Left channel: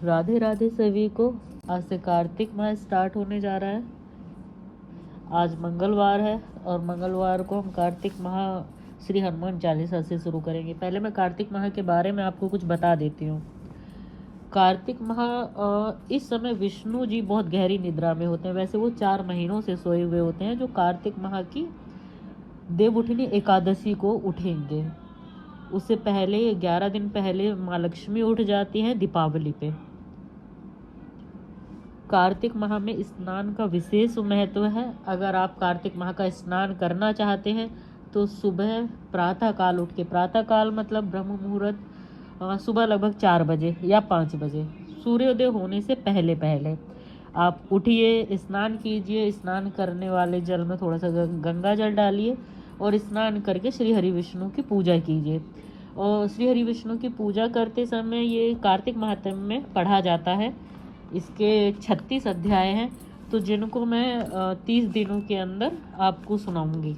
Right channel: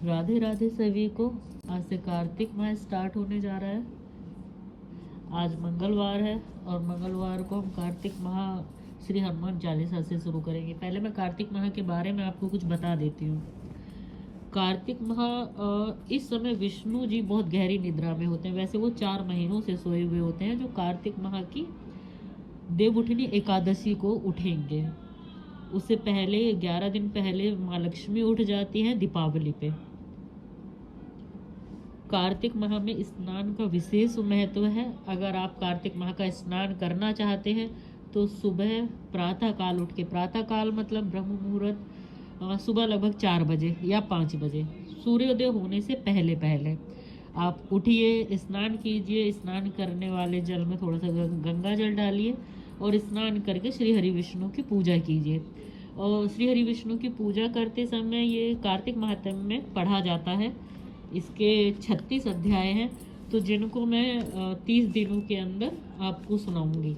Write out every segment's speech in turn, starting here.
राधे राधे सभी को। आज से कार्तिक माह स्टार्ट होने जा रहा है। आज मंगलवार है और मंगलवार को हम कार्तिक माह श्री हनुमान चालीसा से शुरू करेंगे। पहले मैं कार्तिक माह के बारे में आपको कुछ बता देती हूँ। कार्तिक माह इस समय विष्णु जी बहुत गहरी निद्रा में होते हैं। वैसे वो 4 महीनों से सोए हुए होते हैं। जो कार्तिक माह की देवउठनी एकादशी को उठेंगे। उससे पहले 11 दिन पहले माँ लक्ष्मी उठ जाती हैं दीपावली पे। कार्तिक माह में स्नान का विशेष महत्व है। अगर आप कार्तिक माह का स्नान करना चाहते हैं तो सुबह प्रातः काल उठ के, प्रातः काल मतलब ब्रह्म मुहूर्त, सुबह लगभग 4 बजे या 5 बजे सूर्योदय होने से पहले पहले आप उठिए, स्नान कीजिए। स्नान करने वाले जल में थोड़ा सा गंगा जल डालिए और स्नान करके श्री हरि विष्णु की पूजा कीजिए। और श्री हरि विष्णु की पूजा करते समय ये कार्तिक माहात्म्य में पढ़ा जाता है। इसके 36 अध्याय हैं, तो जिनको मैं 30 दिनों के अंदर आपको सुनाऊंगी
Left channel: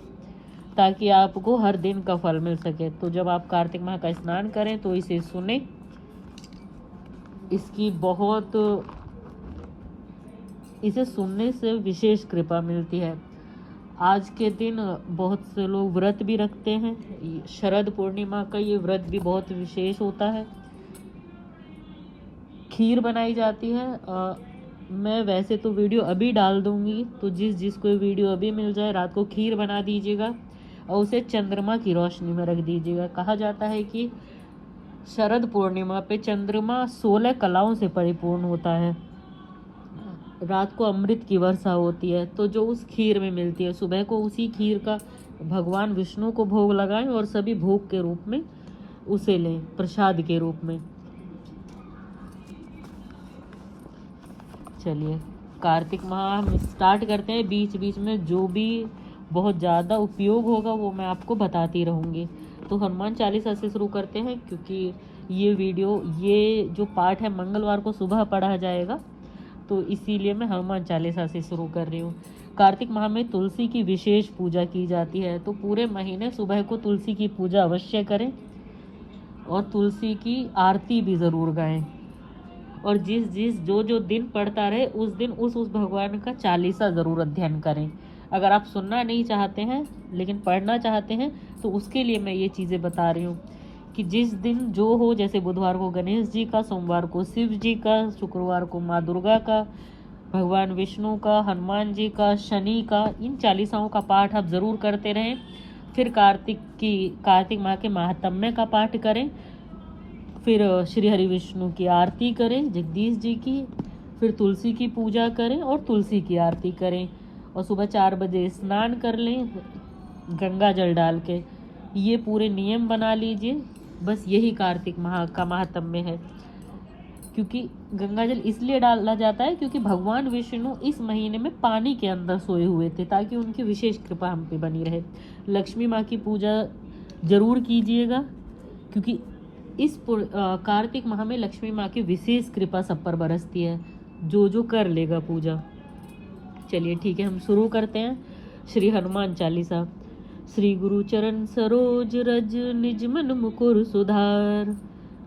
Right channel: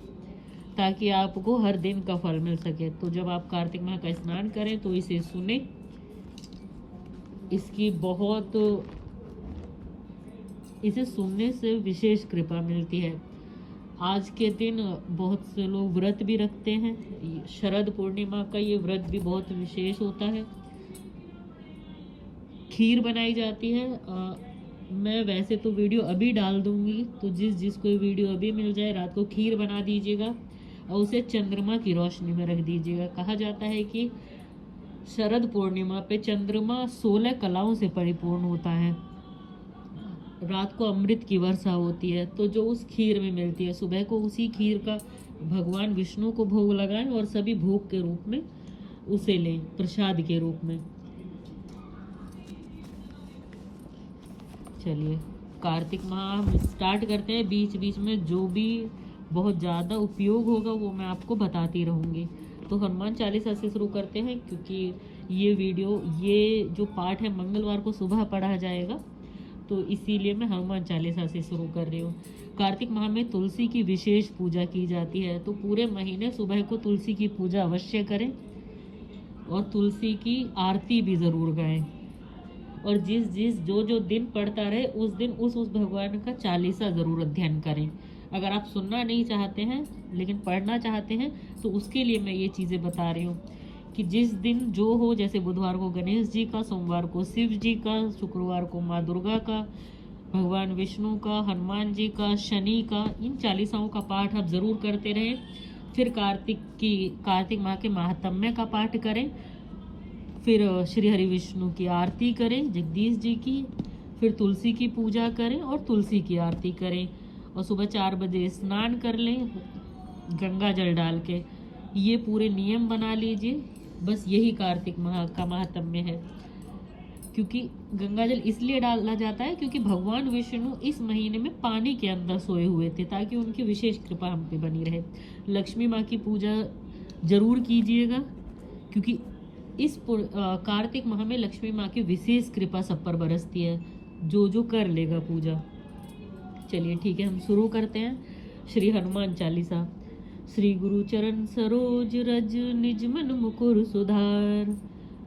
ताकि आपको हर दिन का फल मिल सके। तो जब आप कार्तिक माह का स्नान करें तो इसे सुने। इसे सुनने से विशेष कृपा मिलती है। आज के दिन बहुत से लोग व्रत भी रखते हैं। शरद पूर्णिमा का ये व्रत भी बहुत विशेष होता है। खीर बनाई जाती है। मैं वैसे तो वीडियो अभी डाल दूंगी, तो जिसको वीडियो अभी मिल जाए रात को खीर बना दीजिएगा और उसे चंद्रमा की रोशनी में रख दीजिएगा। कहा जाता है कि शरद पूर्णिमा पे चंद्रमा 16 कलाओं से परिपूर्ण होता है। रात को अमृत की वर्षा होती है, तो जो उस खीर में मिलती है, सुबह को उसी खीर का भगवान विष्णु को भोग लगाएं और सभी भोग के रूप में उसे लें, प्रसाद के रूप में। चलिए कार्तिक माह स्टार्ट करते हैं। बीच बीच में जो भी बहुत ज़्यादा उपयोग होगा वो मैं आपको बताती रहूँगी। तो हनुमान चालीसा से शुरू करते हैं, क्योंकि ये जो पाठ है मंगलवार को सुबह पढ़ा जाएगा, तो इसीलिए मैं हनुमान चालीसा से शुरू कर रही हूँ। कार्तिक माह में तुलसी की विशेष पूजा की जाती है, तो पूरे महीने सुबह को तुलसी की पूजा अवश्य करें और तुलसी की आरती भी ज़रूर गाएं। और जो दिन पढ़ता रहे उस दिन उस भगवान का चालीसा ज़रूर अध्ययन करें। अगर आप सुनना नहीं चाहते हैं लेकिन पढ़ना चाहते हैं तो उसके लिए मैं ये चीज़ें बता रही हूँ कि जिस दिन जो हो, जैसे बुधवार को गणेश जी का, सोमवार को शिव जी का, शुक्रवार को माँ दुर्गा का, भगवान विष्णु का, हनुमान जी का, शनि का, इन चालीसाओं का पाठ आप ज़रूर करते रहें। फिर कार्तिक माह के महात्म्य का पाठ करें। फिर श्री हरि विष्णु की आरती करें, जगदीश जी की। फिर तुलसी की पूजा करें और तुलसी की आरती करें। और सुबह 4 बजे स्नान कर लें गंगा जल डाल के। ये पूरे नियम बना लीजिए। बस यही कार्तिक माह का महात्म्य है। क्योंकि गंगा जल इसलिए डाला जाता है क्योंकि भगवान विष्णु इस महीने में पानी के अंदर सोए हुए थे, ताकि उनकी विशेष कृपा हम पे बनी रहे। लक्ष्मी माँ की पूजा जरूर कीजिएगा, क्योंकि इस कार्तिक माह में लक्ष्मी माँ की विशेष कृपा सब पर बरसती है, जो कर लेगा पूजा। चलिए ठीक है, हम शुरू करते हैं। श्री हनुमान चालीसा। श्री गुरु चरण सरोज रज, निज मन मुकुर सुधार।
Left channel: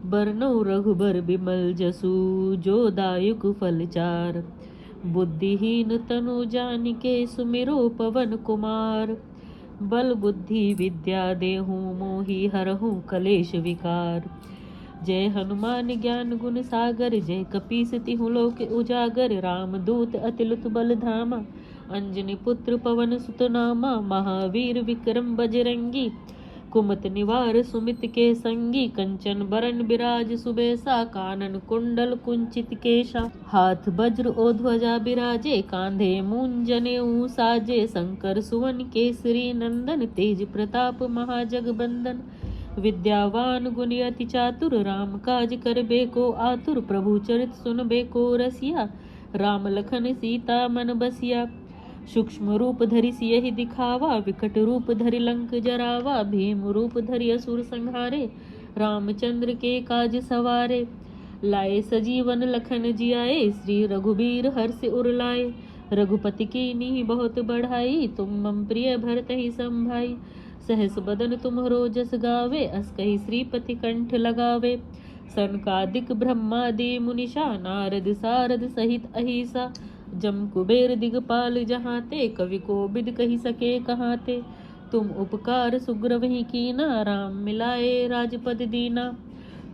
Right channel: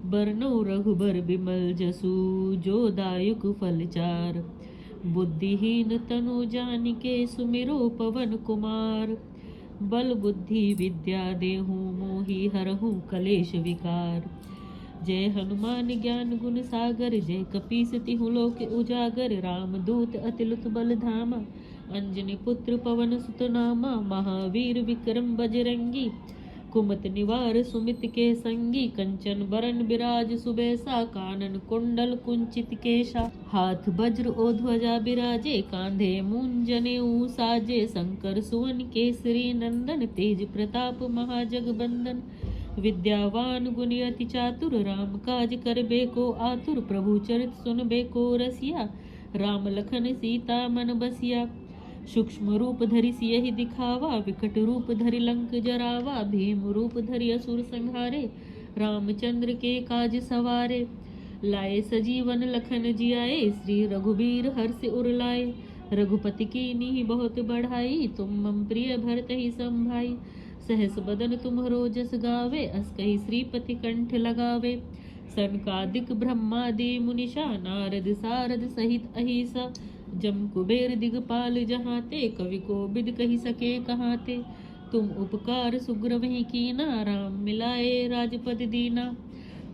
बरनौ रघुबर बिमल जसु, जो दायक फल चार। बुद्धिहीन तनु जानिके, सुमिरो पवन कुमार। बल बुद्धि विद्या देहु, मोहि हरहु कलेश विकार। जय हनुमान ज्ञान गुण सागर, जय कपीस तिहु लोक उजागर। राम दूत अतिलुत बल धामा, अंजनी पुत्र पवन सुत नामा। महावीर विक्रम बजरंगी, कुमत निवार सुमित के संगी। कंचन बरन बिराज सुबेसा, कानन कुंडल कुंचित केशा। हाथ वज्र ओ ध्वजा बिराजे, कांधे मूंज जनेऊ साजे। शंकर सुवन केसरी नंदन, तेज प्रताप महाजगबंदन। विद्यावान गुणी अति चातुर, राम काज करबे को आतुर। प्रभु चरित सुनबे को रसिया, राम लखन सीता मन बसिया। सूक्ष्म रूप धरि सियहि दिखावा, विकट रूप धरि लंक जरावा। भीम रूप धरि असुर संहारे, रामचंद्र के काज सवारे। लाए सजीवन लखन जियाए, श्री रघुबीर हर्ष उर लाए। रघुपति कीन्ही बहुत बढ़ाई, तुम मम प्रिय भरतहि संभाई। सहस बदन तुम्हरो जस गावे, अस कहि श्रीपति कंठ लगावे। सनकादिक ब्रह्मादि मुनिषा नारद सारद सहित अहिसा जम कुबेर दिगपाल जहाँ ते कवि को बिद कही सके कहाँ ते तुम उपकार सुग्रव ही कीना राम मिलाए राजपद दीना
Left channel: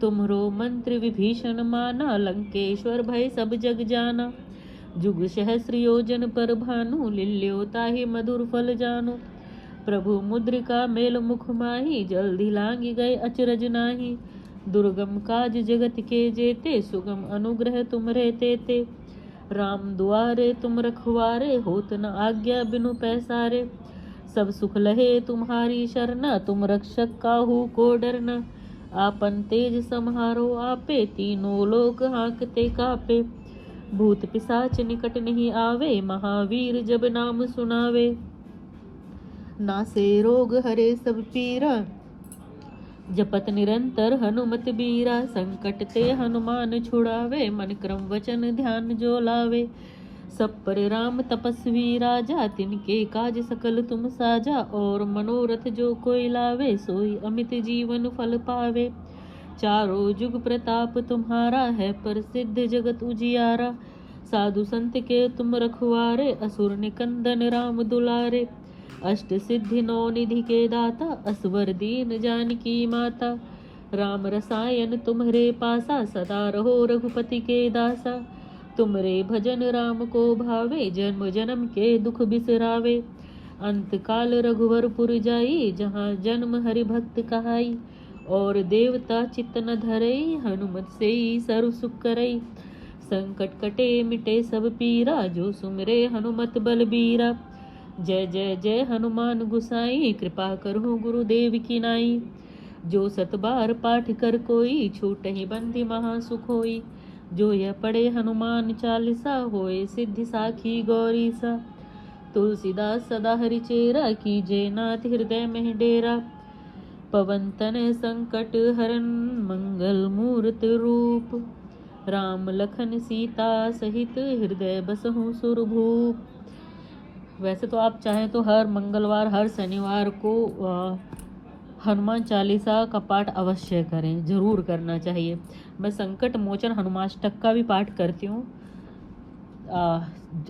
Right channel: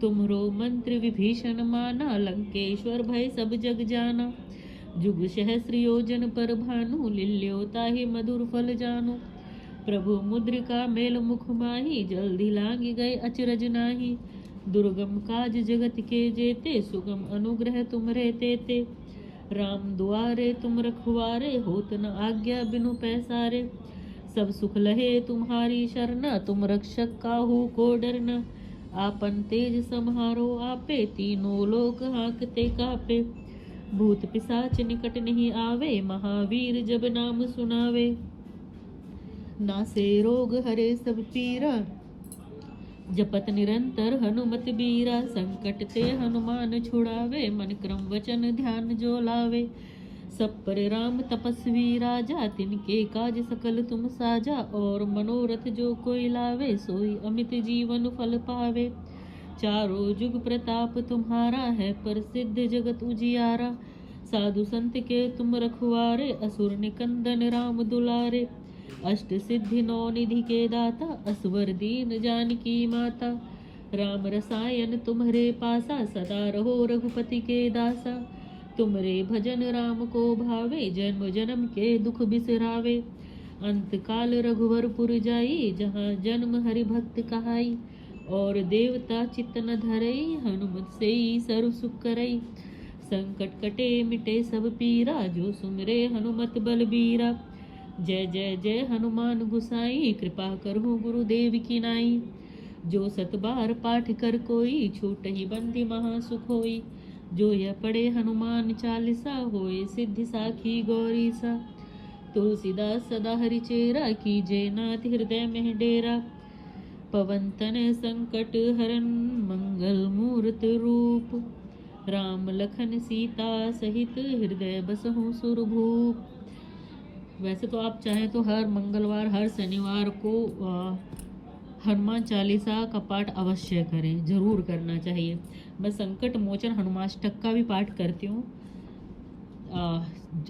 तुमरो मंत्र विभीषण माना लंकेश्वर भय सब जग जाना जुग सहस्र योजन पर भानु लिल्यो ताहि मधुर फल जानो प्रभु मुद्रिका मेल मुख माही जल्दी लांगी गए अचरज नाही दुर्गम काज जगत के जेते सुगम अनुग्रह तुम रहते ते राम दुआरे तुम रखवारे होत न आज्ञा बिनु पैसारे सब सुख लहे तुम्हारी शरणा तुम रक्षक काहू को डरना आपन तेज सम्हारो आपे तीनों लोक हाँकते कापे भूत पिशाच निकट नहीं आवे महावीर जब नाम सुनावे नासे रोग हरे सब पीरा जपत निरंतर हनुमत बीरा संकट ते हनुमान छुड़ावे मन क्रम वचन ध्यान जो लावे सब पर राम तपस्वी राजा तिनके काज सकल तुम साजा और मनोरथ जो कोई लावे सोई अमित जीवन फल पावे चारों जुग प्रताप तुम्हारा है प्रसिद्ध जगत उजियारा साधु संत के तुम रखवारे असुर निकंदन राम दुलारे अष्ट सिद्धि नौ निधि के दाता असवर दीन जानकी माता राम रसायन तुम्हारे पासा सदा रहो रघुपति के दासा तुमरे भजन राम को भावे जन्म जन्म के दुख बिसरावे अंत काल रघुवरपुर जाई जहाँ जन्म हरि भक्त कहाई और देवता चित्त न धरई हनुमत से सर्व सुख करई संकट कटे मिटे सब पीरा जो सुमरे हनुमत बलबीरा जय जय जय हनुमान गुसाई कृपा करो गुरुदेव की नाई जो सतबार पाठ कर कोई छूट ही बंदी महासुख होई जो यह पढ़े हनुमान चालीसा होए सिद्धि साखी गौरी सा तुलसीदास सदा हरि चेरा कीजे नाथ हृदय में डेरा पवन तन संकट हरन मंगल मूर्त रूप राम लखन सीता सहित हृदय बसहु सुरभूप। वैसे तो आप चाहें तो हर मंगलवार हर शनिवार को हनुमान चालीसा का पाठ अवश्य करें, जरूर करना चाहिए। मैं संकट मोचन हनुमाष्टक का भी पाठ करती हूँ।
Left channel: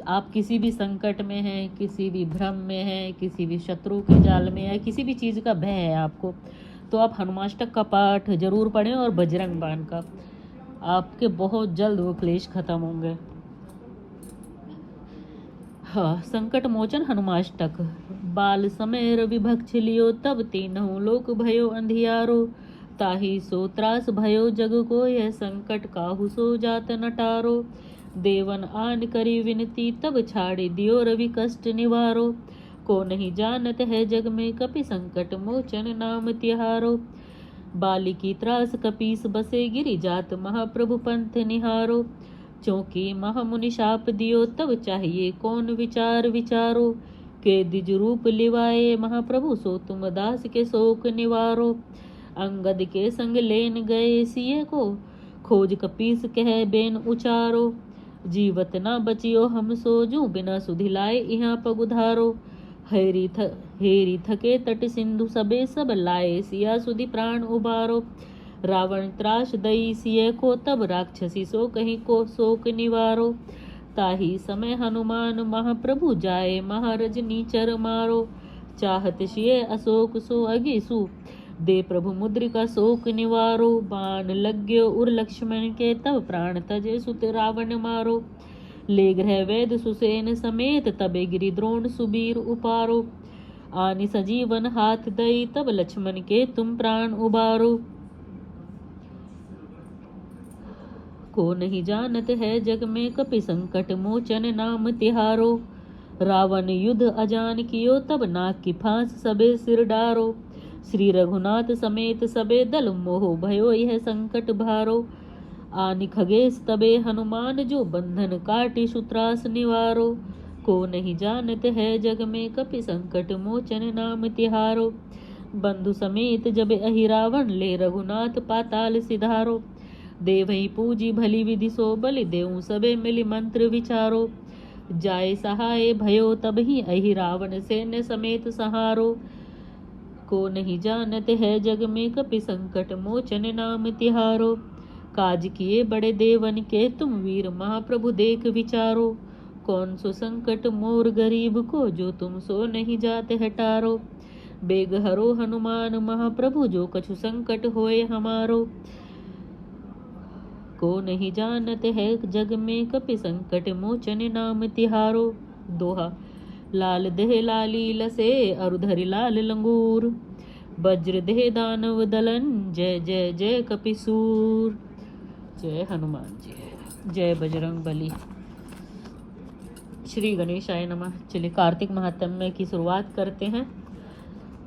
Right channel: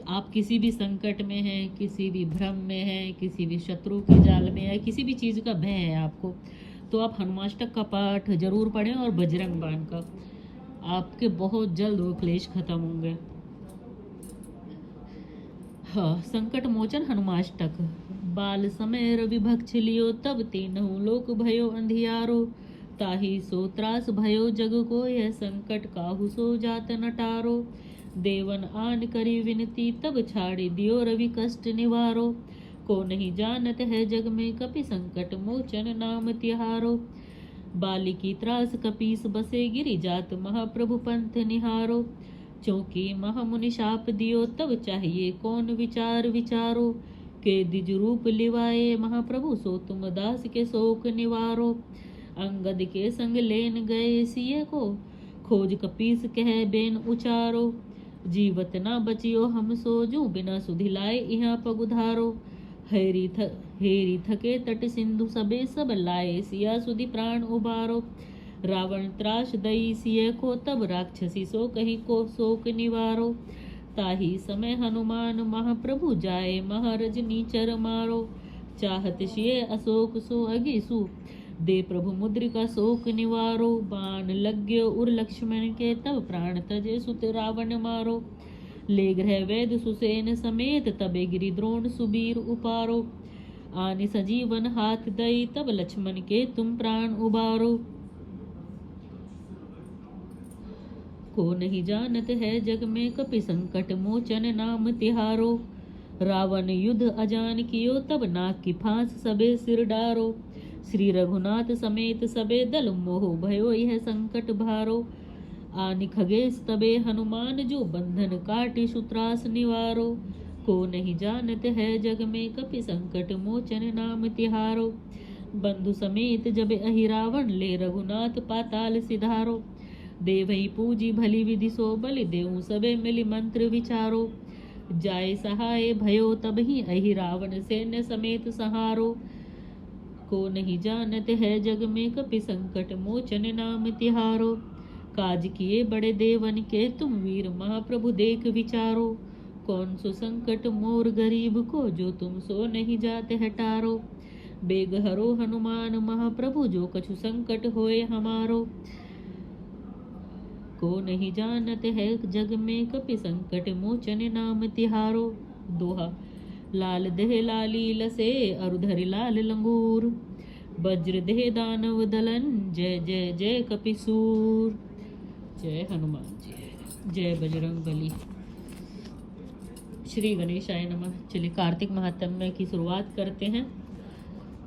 आप किसी भी संकट में हैं, किसी भी भ्रम में हैं, किसी भी शत्रु के जाल में है, किसी भी चीज़ का भय है आपको, तो आप हनुमाष्टक का पाठ जरूर पढ़ें और बजरंग बाण का। आपके बहुत जल्द वो क्लेश खत्म होंगे। हाँ, संकट मोचन हनुमाष्टक। बाल समय रवि भक्ष लियो तब तीनों लोक भयो अंधियारो ताहि सो त्रास भयो जग को यह संकट काहू सो जात नटारो देवन आन करी विनती तब छाड़ी दियो रवि कष्ट निवारो को नहीं जानत है जग में कपि संकट मोचन नाम तिहारो बाली की त्रास कपीस बसे गिरी जात महाप्रभु पंथ निहारो चौकी महामुनि शाप दियो तब चाहिए कौन विचार विचारो के द्विज रूप लिवाए महाप्रभु सो तुम दास के शोक निवारो अंगद के संग लेन गए सिए को खोज कपीस कह बेन उचारो जीवत ना बचियो हम सोजू बिना सुधिलाए यहाँ पग उधारो हेरी थके तट सिंधु सबे सब लाए सिया सुधि प्राण उबारो रावण त्रास दई सिय को तब राक्षसी सो कहीं को शोक निवारो ताही समय हनुमान महाप्रभु जाए महारज नीचर मारो चाहत सिय अशोक सो अगिसु दे प्रभु मुद्रिका शोक निवारो बाण लग्यो उर लक्ष्मण के तब प्राण तजे सुत रावण मारो ले ग्रह वैद सुसेन समेत तबे गिरि द्रोण सुबीर उपारो आनि सजीवन हाथ दई तब लक्ष्मण के तुम प्राण उबारो को नहीं जानत है जग में कपि संकट मोचन नाम तिहारो रावण युद्ध अजान कियो तब नाग की फांस सबे सिर डारो श्री रघुनाथ समेत सबे दल मोह भयो यह संकट भारो आनि खगेश तबे हनुमान जो बंधन काटि सुत्रास निवारो को नहीं जानत है जग में कपि संकट मोचन नाम तिहारो बंधु समेत जब अहि रावण ले रघुनाथ पाताल सिधारो देवही पूजी भली विधि सो बलि देऊ सबे मिली मंत्र विचारो जाय सहाय भयो तब ही अहि रावण सैन्य समेत सहारो को नहीं जानत है जग में कपि संकट मोचन नाम तिहारो काज किए बड़े देवन के तुम वीर महाप्रभु देख विचारो। कौन सो संकट मोर गरीब को जो तुम सो नहीं जाते हटारो। बेग हरो हनुमान महाप्रभु जो कछु संकट होए हमारो। को नहीं जानते है जग में कपि संकट मोचन नाम तिहारो। दोहा। लाल देह लाली लसे अरुधरि लाल लंगूर। वज्र देह दानव दलन जय जय जय कपिसूर। जय हनुमान जी, जय बजरंग बली। श्री गणेशाय नमः। चलिए कार्तिक महात्म्य की शुरुआत करते हैं।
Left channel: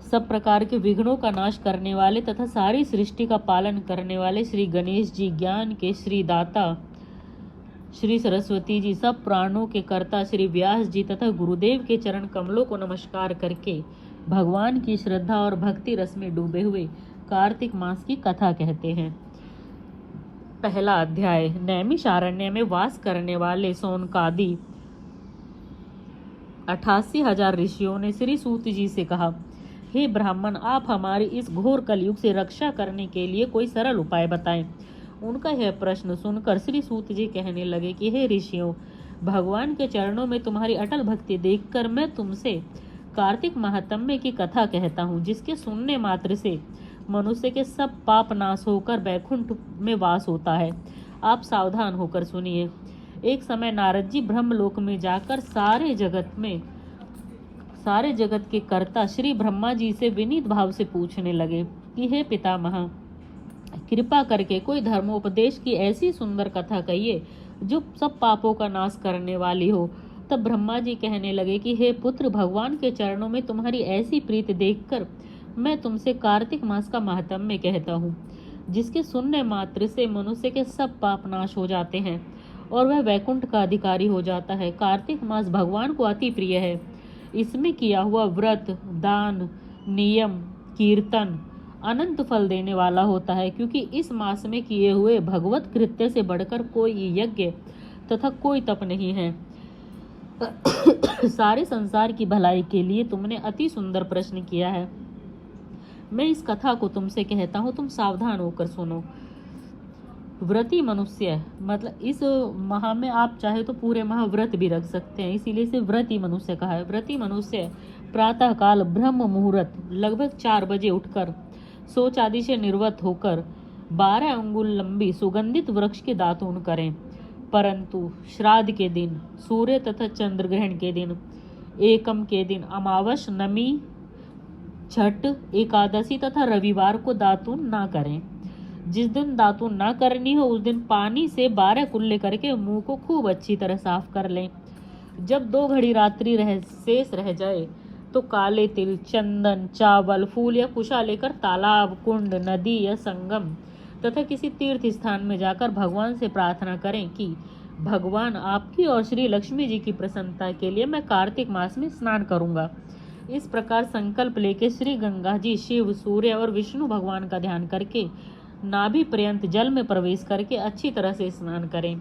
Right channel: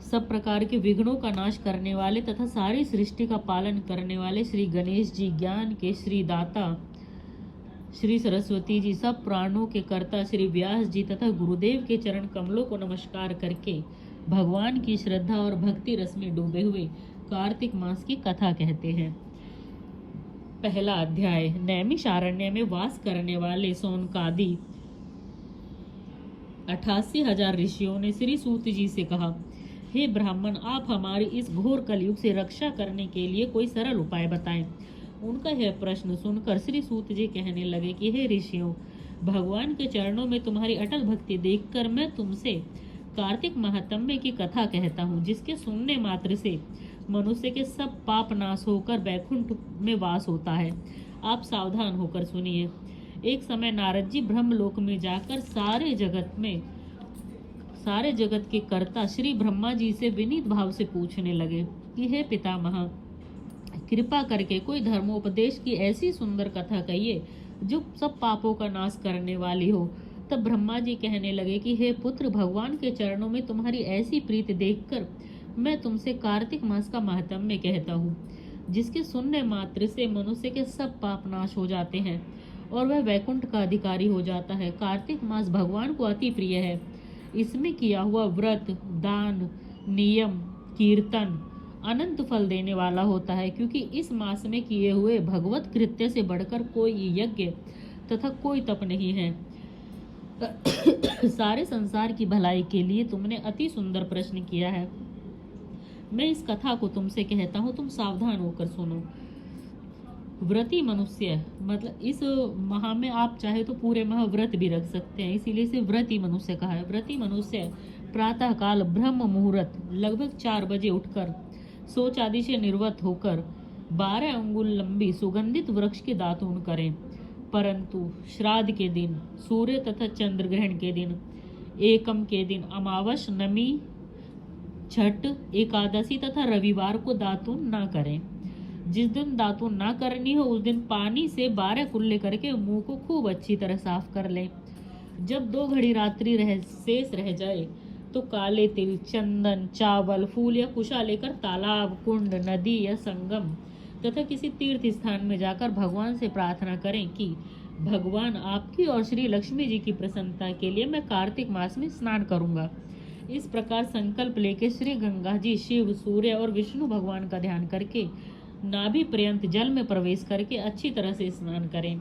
सब प्रकार के विघ्नों का नाश करने वाले तथा सारी सृष्टि का पालन करने वाले श्री गणेश जी, ज्ञान के श्री दाता श्री सरस्वती जी, सब प्राणों के कर्ता श्री व्यास जी तथा गुरुदेव के चरण कमलों को नमस्कार करके भगवान की श्रद्धा और भक्ति रस में डूबे हुए कार्तिक मास की कथा कहते हैं। पहला अध्याय। नैमिषारण्य में वास करने वाले सौनकादि 88,000 ऋषियों ने श्री सूत जी से कहा, हे ब्राह्मण, आप हमारी इस घोर कलयुग से रक्षा करने के लिए कोई सरल उपाय बताएं। उनका यह प्रश्न सुनकर श्री सूत जी कहने लगे कि हे ऋषियों, भगवान के चरणों में तुम्हारी अटल भक्ति देखकर मैं तुमसे कार्तिक महात्म्य की कथा कहता हूँ, जिसके सुनने मात्र से मनुष्य के सब पाप नाश होकर वैकुंठ में वास होता है। आप सावधान होकर सुनिए। एक समय नारद जी ब्रह्मलोक में जाकर सारे जगत के कर्ता श्री ब्रह्मा जी से विनीत भाव से पूछने लगे कि हे पितामह, कृपा करके कोई धर्मोपदेश की ऐसी सुंदर कथा कहिए जो सब पापों का नाश करने वाली हो। तब ब्रह्मा जी कहने लगे कि हे पुत्र, भगवान के चरणों में तुम्हारी ऐसी प्रीति देखकर मैं तुमसे कार्तिक मास का महात्म्य कहता हूँ, जिसके सुनने मात्र से मनुष्य के सब पाप नाश हो जाते हैं और वह वैकुंठ का अधिकारी हो जाता है। कार्तिक मास भगवान को अति प्रिय है। इसमें किया हुआ व्रत, दान, नियम, कीर्तन अनंत फल देने वाला होता है, क्योंकि इस मास में किए हुए भगवत कृत्य से बढ़कर कोई यज्ञ तथा कोई तप नहीं है। सारे संसार की भलाई के लिए तुमने अति सुंदर प्रश्न किया है। मैं इस कथा को तुमसे कहता हूँ, तुम सावधान होकर सुनो। व्रती मनुष्य, मतलब इस माह में आप चाहे तो पूरे माह व्रत भी रख सकते हैं, इसीलिए इसे व्रती मनुष्य कहा है। व्रती मनुष्य प्रातः काल ब्रह्म मुहूर्त लगभग 4 बजे उठकर शौच आदि से निर्वत होकर 12 अंगुल लंबी सुगंधित वृक्ष के दातून करें, परंतु श्राद्ध के दिन, सूर्य तथा चंद्र ग्रहण के दिन, एकम के दिन, अमावस, नमी, छठ, एकादशी तथा रविवार को दातून ना करें। जिस दिन दातून ना करनी हो उस दिन पानी से 12 कुल्ले करके मुंह को खूब अच्छी तरह साफ कर लें। जब 2 घड़ी रात्रि शेष रह जाए तो काले तिल, चंदन, चावल, फूल या कुशा लेकर तालाब, कुंड, नदी या संगम तथा किसी तीर्थ स्थान में जाकर भगवान से प्रार्थना करें कि भगवान, आपकी और श्री लक्ष्मी जी की प्रसन्नता के लिए मैं कार्तिक मास में स्नान करूंगा। इस प्रकार संकल्प लेके श्री गंगा जी, शिव, सूर्य और विष्णु भगवान का ध्यान करके नाभि पर्यंत जल में प्रवेश करके अच्छी तरह से स्नान करें।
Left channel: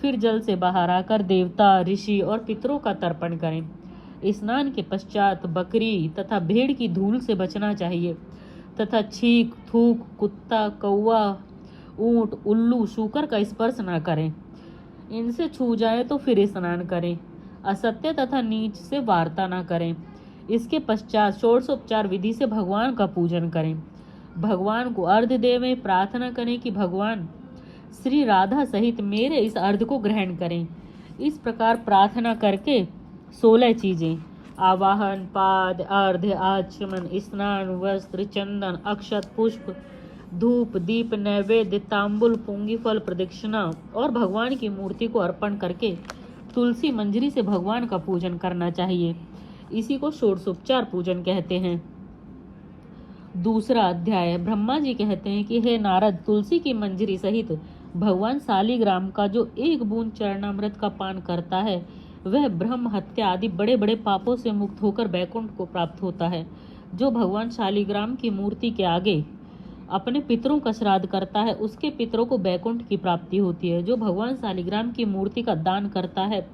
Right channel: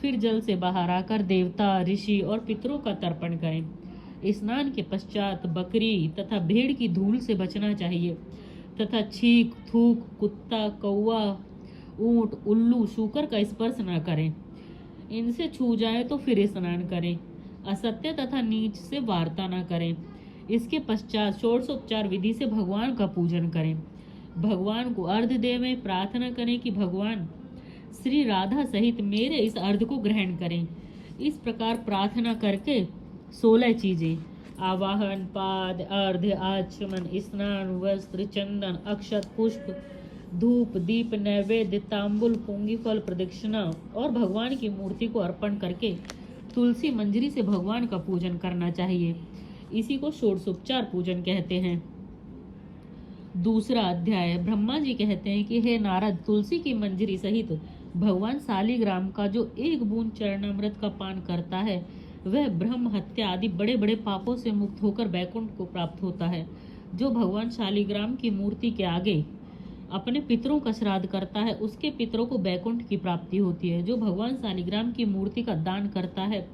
फिर जल से बाहर आकर देवता, ऋषि और पितरों का तर्पण करें। स्नान के पश्चात बकरी तथा भेड़ की धूल से बचना चाहिए तथा छींक, थूक, कुत्ता, कौवा, ऊंट, उल्लू, शूकर का स्पर्श न करें। इनसे छू जाए तो फिर स्नान करें। असत्य तथा नीच से वार्ता न करें। इसके पश्चात षोडशोपचार विधि से भगवान का पूजन करें। भगवान को अर्घ्य देवें, प्रार्थना करें कि भगवान श्री राधा सहित मेरे इस अर्घ्य को ग्रहण करें। इस प्रकार प्रार्थना करके 16 चीजें आवाहन, पाद, अर्घ्य, आचमन, स्नान, वस्त्र, चंदन, अक्षत, पुष्प, धूप, दीप, नैवेद्य, तांबुल, पुंगी फल, प्रदक्षिणा और भगवान की मूर्ति को अर्पण करके तुलसी मंजरी से भगवान का पूजन करना चाहिए। इसी को षोडशोपचार पूजन कहते हैं। दूसरा अध्याय। ब्रह्मा जी कहते हैं कि हे नारद, तुलसी की मंजरी सहित भगवान शालिग्राम का जो 1 बूंद चरणामृत का पान करता है वह ब्रह्म हत्या आदि बड़े बड़े पापों से मुक्त होकर वैकुंठ को प्राप्त होता है। जो भगवान शालिग्राम की मूर्ति के आगे अपने पितरों का श्राद्ध करता है उसके पितरों को वैकुंठ की प्राप्ति होती है। जो भगवान शालिग्राम की मूर्ति का दान करता है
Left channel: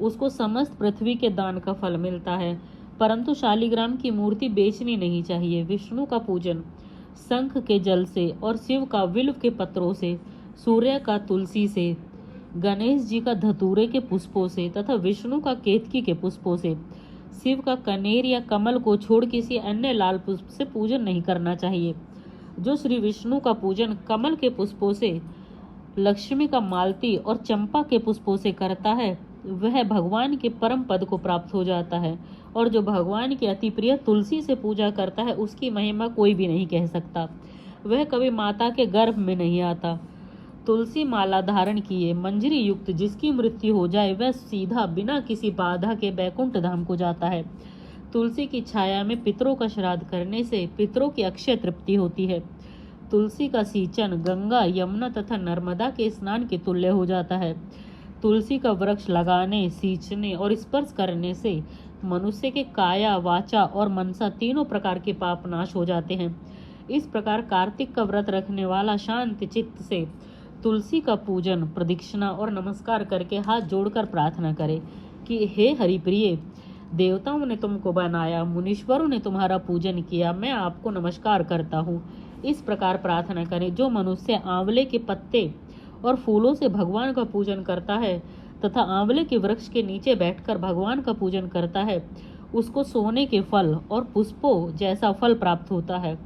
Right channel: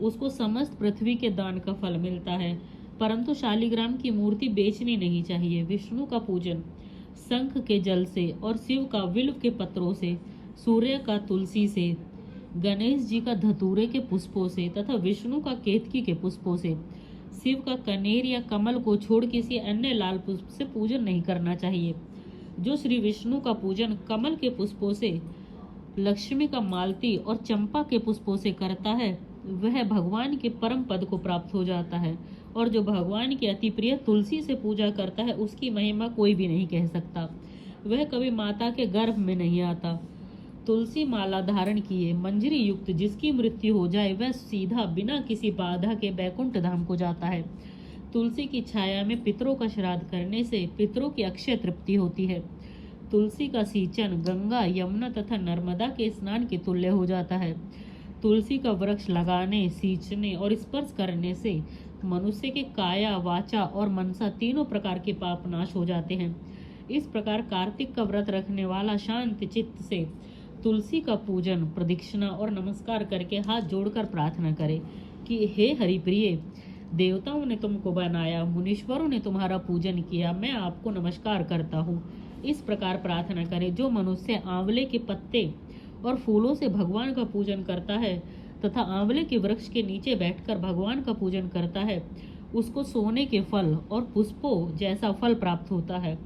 उसको समस्त पृथ्वी के दान का फल मिलता है, परंतु शालिग्राम की मूर्ति बेचनी नहीं चाहिए। विष्णु का पूजन शंख के जल से और शिव का विल्व के पत्रों से, सूर्य का तुलसी से, गणेश जी का धतूरे के पुष्पों से तथा विष्णु का केतकी के पुष्पों से, शिव का कनेर या कमल को छोड़ किसी अन्य लाल पुष्प से पूजन नहीं करना चाहिए। जो श्री विष्णु का पूजन कमल के पुष्पों से, लक्ष्मी का मालती और चंपा के पुष्पों से करता है वह भगवान के परम पद को प्राप्त हो जाता है, और जो भगवान के अति प्रिय तुलसी से पूजा करता है उसकी महिमा कोई भी नहीं कह सकता। वह कभी माता के गर्भ में नहीं आता। तुलसी माला धारण किए मंजरी युक्त जिसकी मृत्यु हो जाए वह सीधा बिना किसी बाधा के बैकुंठ धाम को जाता है। तुलसी की छाया में पितरों का श्राद्ध करने से पितरों की अक्षय तृप्ति होती है। तुलसी का सींचन गंगा, यमुना तथा नर्मदा के स्नान के तुल्य हो जाता है। तुलसी का वृक्ष लगाने, सींचने और स्पर्श करने से मनुष्य के काया, वाचा और मनसा तीनों प्रकार के पाप नाश हो जाते हैं। इस प्रकार कार्तिक का व्रत रखने वाला शांत चित्त से तुलसी का पूजन, प्रदक्षिणा और नमस्कार करके हाथ जोड़कर प्रार्थना करे कि हे हरिप्रिय, देवताओं ने तुमको बनाया, मुनीश्वरों ने तुम्हारा पूजन किया, मैं आपको नमस्कार करता हूँ। इस प्रकार प्रार्थना करें। जो मनुष्य आंवले के पत्ते और फूलों से भगवान का पूजन करता है तथा आंवले के वृक्ष के नीचे बैठकर भगवान का पूजन करता है उसको सोने के फल और पुष्पों जैसा फल प्राप्त होता है।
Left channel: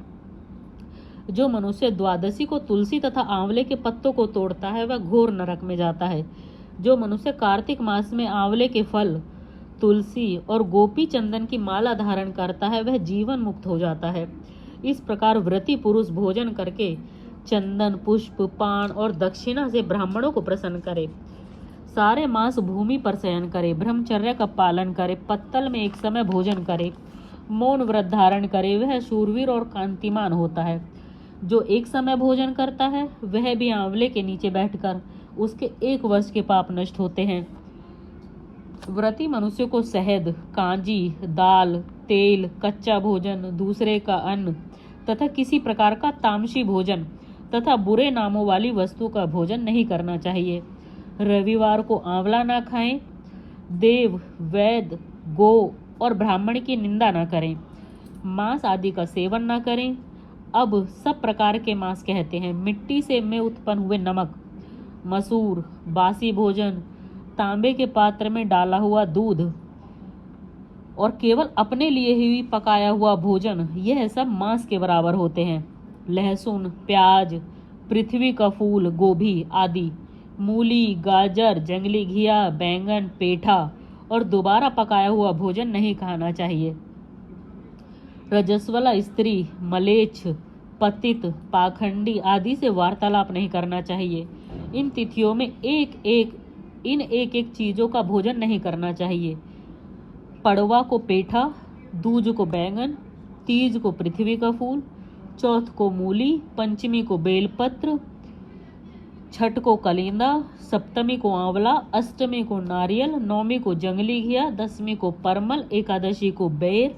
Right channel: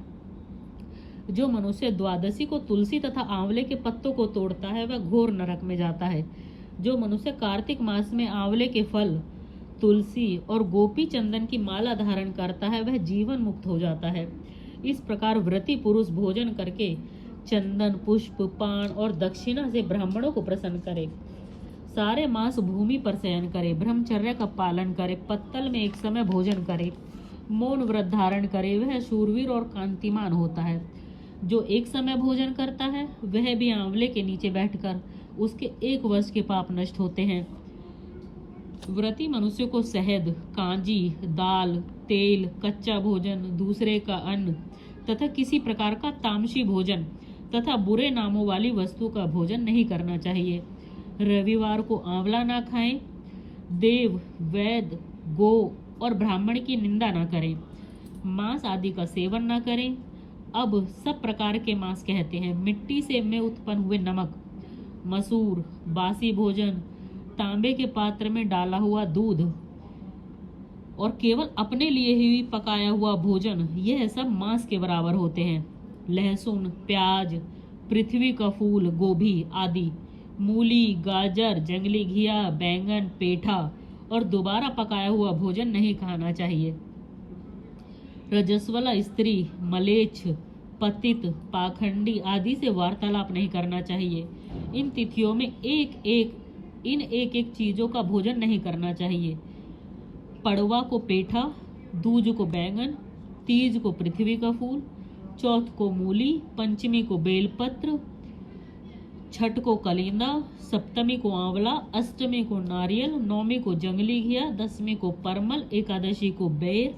जो मनुष्य द्वादशी को तुलसी तथा आंवले के पत्तों को तोड़ता है वह घोर नरक में जाता है। जो मनुष्य कार्तिक मास में आंवले के फल, तुलसी और गोपी चंदन की माला धारण करता है वह जीवन मुक्त हो जाता है। इस प्रकार व्रती पुरुष भोजन करके चंदन, पुष्प, पान और दक्षिणा से ब्राह्मणों को प्रसन्न करे। सारे मास भूमि पर शयन करे, ब्रह्मचर्य का पालन करे, पत्तल में एक समय भोजन करे, मौन व्रत धारण करे, वह शूरवीर और कांतिमान होता है। जो एक समय भोजन करता है वह भी आंवले के नीचे बैठकर उसके 1 वर्ष के पाप नष्ट होते हैं। व्रती मनुष्य को शहद, कांजी, दाल, तेल, कच्चा भोजन, दूसरे का अन्न तथा किसी प्रकार का तामसी भोजन तथा बुरे नामों वाली वस्तु का भोजन नहीं करना चाहिए। रविवार को आंवला ना खाएं। देव, वैद्य, गो और ब्राह्मण की निंदा ना करें। मांस आदि का सेवन ना करें। अब सब प्रकार के मांस कहते हैं। मिट्टी से में उत्पन्न हुए नमक, मसूर, बासी भोजन, तांबे के पात्र में डाला हुआ दूध और केवल अपने लिए ही पकाया हुआ भोजन, यह सब मांस के बराबर होते हैं। लहसुन, प्याज, पृथ्वी का फूल, गोभी आदि, मूली, गाजर, जंगली घिया, बैंगन, पेठा और दोबारा पकाया हुआ भोजन नहीं खाना चाहिए। रजस्वला स्त्री, मलेच्छ, पतित, पाखंडी आदि से वार्तालाप नहीं करना चाहिए। इन तिथियों में इन एक एक चीजों का भोजन नहीं करना चाहिए। पड़वा को पेठा, दूज को बैंगन, तीज को पृथ्वी का फूल, चौथ को मूली, पंचमी को बेलपत्र, छठ को कलिंदा, सप्तमी को आंवला, अष्टमी को नारियल, नौमी को जंगली घिया, दसवीं को परमल, एकादशी को बेर,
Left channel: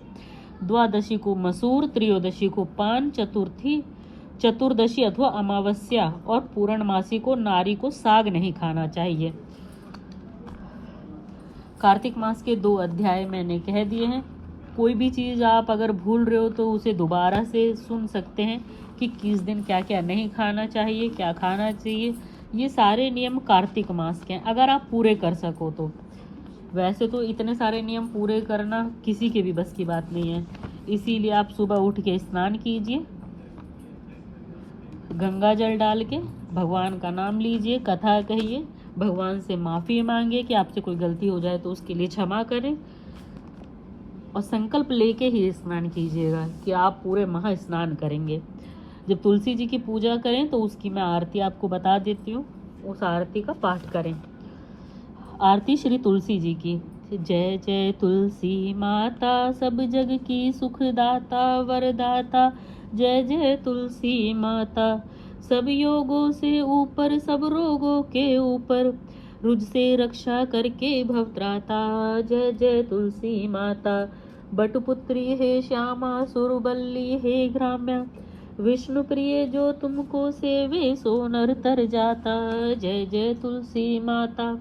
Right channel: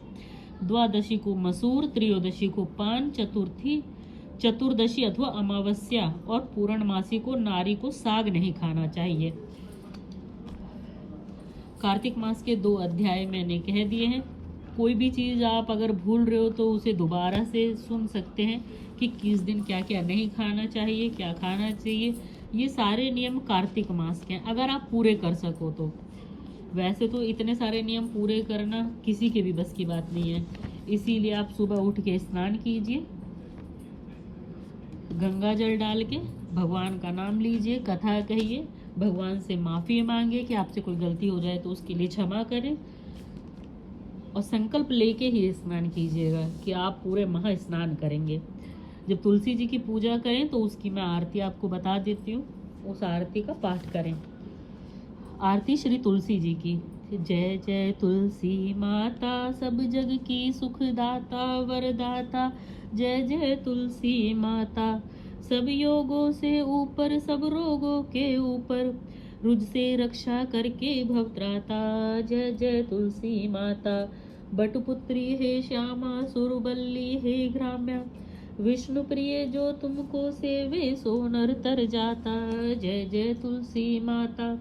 द्वादशी को मसूर, त्रयोदशी को पान, चतुर्दशी अथवा अमावस्या और पूर्णमासी को नारी को साग नहीं खाना चाहिए। कार्तिक मास के 2 अध्याय मैंने कह दिए हैं। कोई भी चीज़ आप अगर भूल रहे हो तो उसे दोबारा से सुन सकते हैं कि किस दिन क्या क्या नहीं खाना चाहिए, क्या खाना चाहिए। ये सारे नियम कार्तिक मास के हैं, अगर आप पूरे कर सको तो। वैसे तो इतने सारे नियम पूरे करना किसी के भी बस की बात नहीं है, इसीलिए आप सुबह उठ के स्नान कीजिए, गंगा जल डाल के भगवान का नाम लीजिए, कथा कहिए, भगवान से माफ़ी मांगिए कि आपसे कोई गलती हो जाए तो उसके लिए क्षमा करें, और संकल्प लेके ही स्नान कीजिएगा कि आप पूरे महा स्नान करेंगे। जब तुलसी जी की पूजा करें तो उसकी मैं आरती आपको बता देती हूँ, उस आरती का पाठ करें। आरती श्री तुलसी जी की। जय जय तुलसी माता, सब जग की सुखदाता वरदाता। जय जय तुलसी माता, सब योगों से ऊपर, सब रोगों के ऊपर, रुज से रक्षा करके भवत्राता। जय जय तुलसी माता, बटपुत्री हे श्यामा, सुरबल्ली हे ग्राम्या, विष्णु प्रिय जो तुमको सेवे सो नर तर जाता। जय जय तुलसी माता,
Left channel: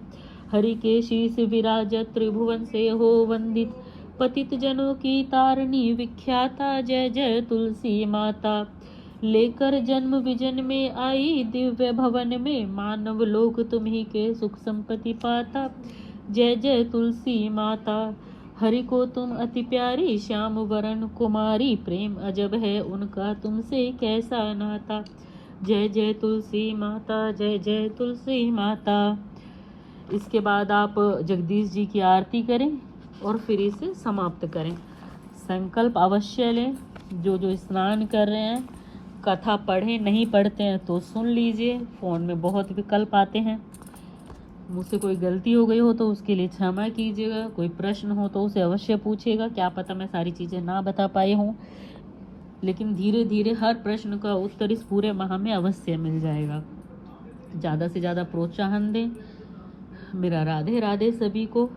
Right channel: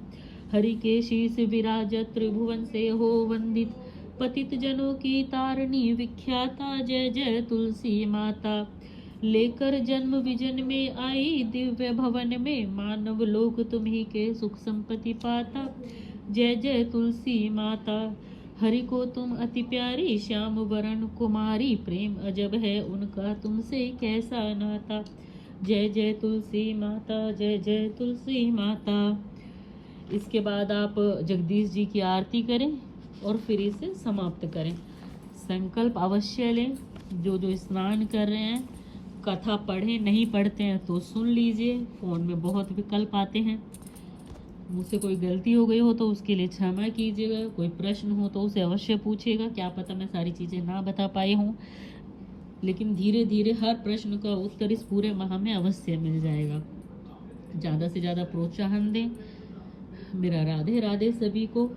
हरि के शीस विराजत, त्रिभुवन से हो वंदित, पतित जनों की तारणी विख्याता। जय जय तुलसी माता, लेकर जन्म विजन में आई दिव्य भवन में, मानव लोक तुम्ही के सुख संपत्ति पाता। जय जय तुलसी माता, हरि को तुम अति प्यारी, श्याम वरण कुमारी, प्रेम अजब है उनका तुमसे कैसा नाता। जय जय तुलसी माता, जय जय तुलसी माता। इसके बाद आप जगदीश जी की आरती करें और फिर इसे समाप्त करें। संकल्प अवश्य लें। जो जो स्नान कर रहे हैं कथा पढ़ें, नहीं पढ़ते हैं तो सुन लीजिए। फ़ोन में बहुत विकल्प आते हैं। मुझसे कोई गलती हो गई हो तो उसके लिए क्षमा कीजिएगा। कोई प्रश्न हो तो उसे अवश्य पूछिएगा। क्या पता मैं सारी चीज़ें ना बता पाई हूँ, लेकिन धीरे धीरे हर प्रश्न का उत्तर इस पूरे माह में अवश्य मिल जाएगा। ज़्यादा से ज़्यादा प्रोत्साहन दें। मेरा राधे राधे सभी को।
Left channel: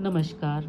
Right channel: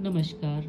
नमस्कार।